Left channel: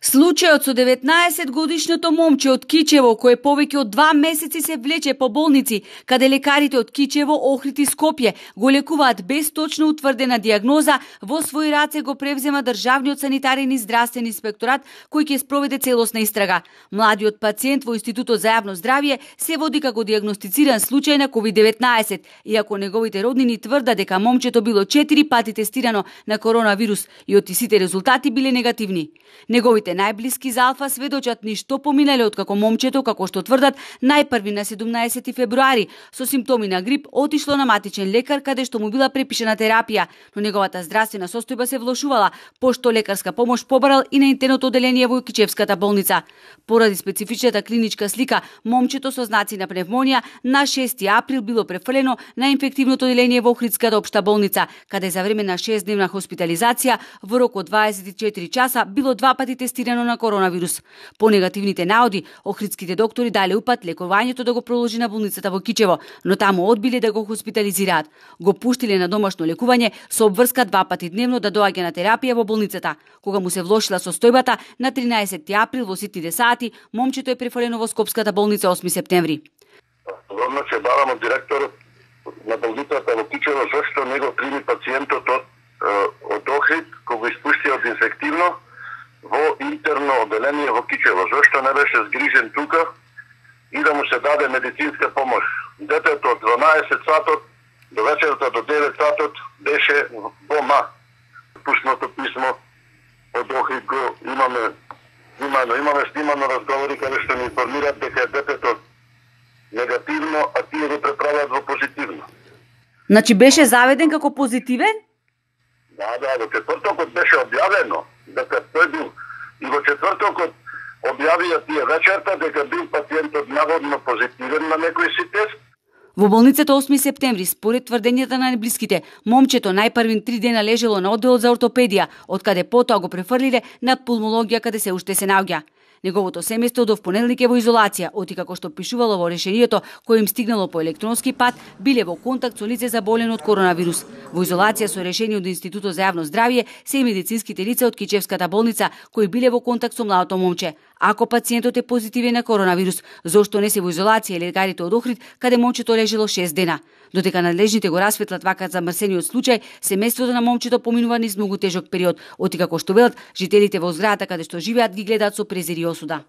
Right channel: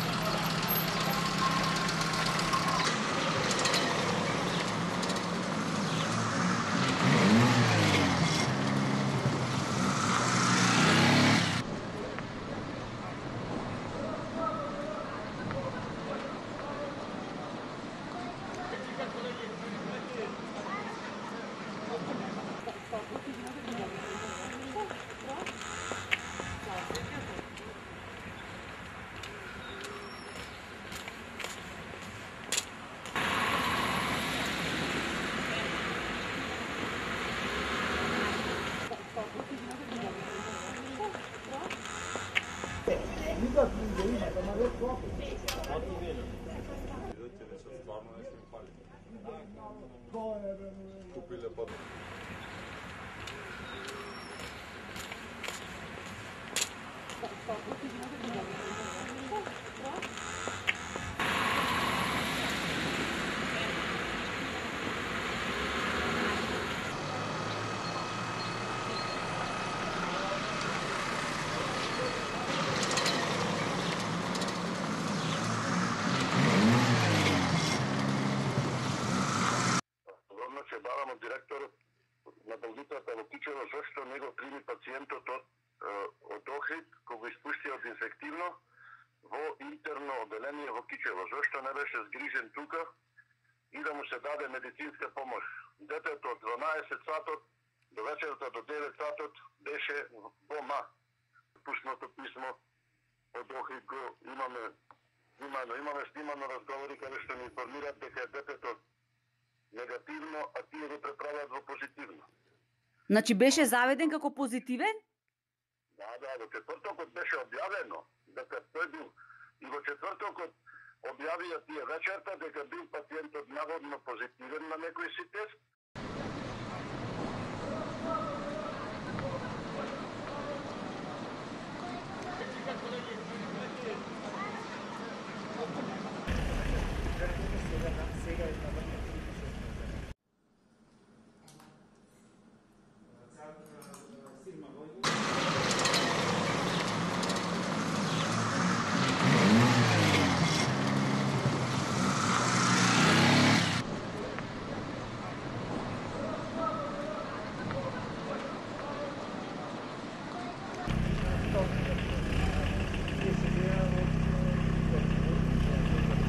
Случајот со 19-годишното момче од Кичево, кое повеќе од 2 месеци се влече по болници, каде лекарите од Кичево, Охрид и Скопје го лекуваат без точно утврдена диагноза, во своји раце го превзема Државниот санитарен и здравствен инспекторат, кој ќе спроведе целосна истрага. Младиот пациент во Институтот за јавно здравје се води како диагностициран случај на COVID-19, иако неговите роднини тврдат дека момчето било 4 пати тестирано на коронавирус и од сите резултати биле негативни. Неговите најблиски за Алфа сведочат ништо поминале откако момчето, како што тврдат, најпрви на 17 февруари со симптоми на грип отишло на матичен лекар каде што му била препишана терапија, но неговата здравствена состојба се влошувала, пошто лекарска помош побарал и на интерното оделение во Кичевската болница. Поради специфичната клиничка слика, момчето со знаци на пневмонија на 6 април било префрлено на инфективното оделение во Охридската општа болница, каде за време на 6-дневна хоспитализација во рок од 24 часа било 2 пати тестирано на коронавирус. По негативните наоди, охридските доктори дале упат лекувањето да го продолжи на болницата во Кичево, но таму одбиле да го хоспитализираат. Го пуштиле на домашно лекување со обврска 2 пати дневно да доаѓа на терапија во болницата. Кога му се влошила состојбата, на 13 април во ситните сати, момчето е префрлено во Скопската болница 8 септември. Одма се барам од директорот на болницата во Кичево зашто него прими пациентот од Охрид, кога испушти од инфективно во интерно оделение во Кичево. Зашто не беше згрижен тука и да му се даде медицинска помош. Детето од 12 сатот до вечерта до 9 сатот беше во ма. Пуснато писмо од Охрид го имаме снимано разговори каде што ни информираат дека детето негативно, а тие го преправаат во позитивно. Значи беше заведен како позитивен? Да, во четвртокот беше објавено дека тој бил и во четвртокот објавија тие вечерта дека бил пациентот наводно позитивен на некој си тест. Во болницата 8 септември, според тврдењата на најблиските, момчето најпрвин 3 дена лежело на одделот за ортопедија, откаде потоа го префрлиле на пулмологија каде се уште се наоѓа. Неговото семејство до понеделник е во изолација, оти како што пишувало во решението кој им стигнало по електронски пат, биле во контакт со лице заболено од коронавирус. Во изолација со решение од Институтот за јавно здравје се и медицинските лица од Кичевската болница кои биле во контакт со младото момче. Ако пациентот е позитивен на коронавирус, зошто не се во изолација лекарите од Охрид, каде момчето лежело 6 дена? Додека надлежните го расветлат вака замрсениот случај, семејството на момчето поминува низ многу тежок период, оти како што велат, жителите во зградата каде што живеат ги гледаат со презир и осуда.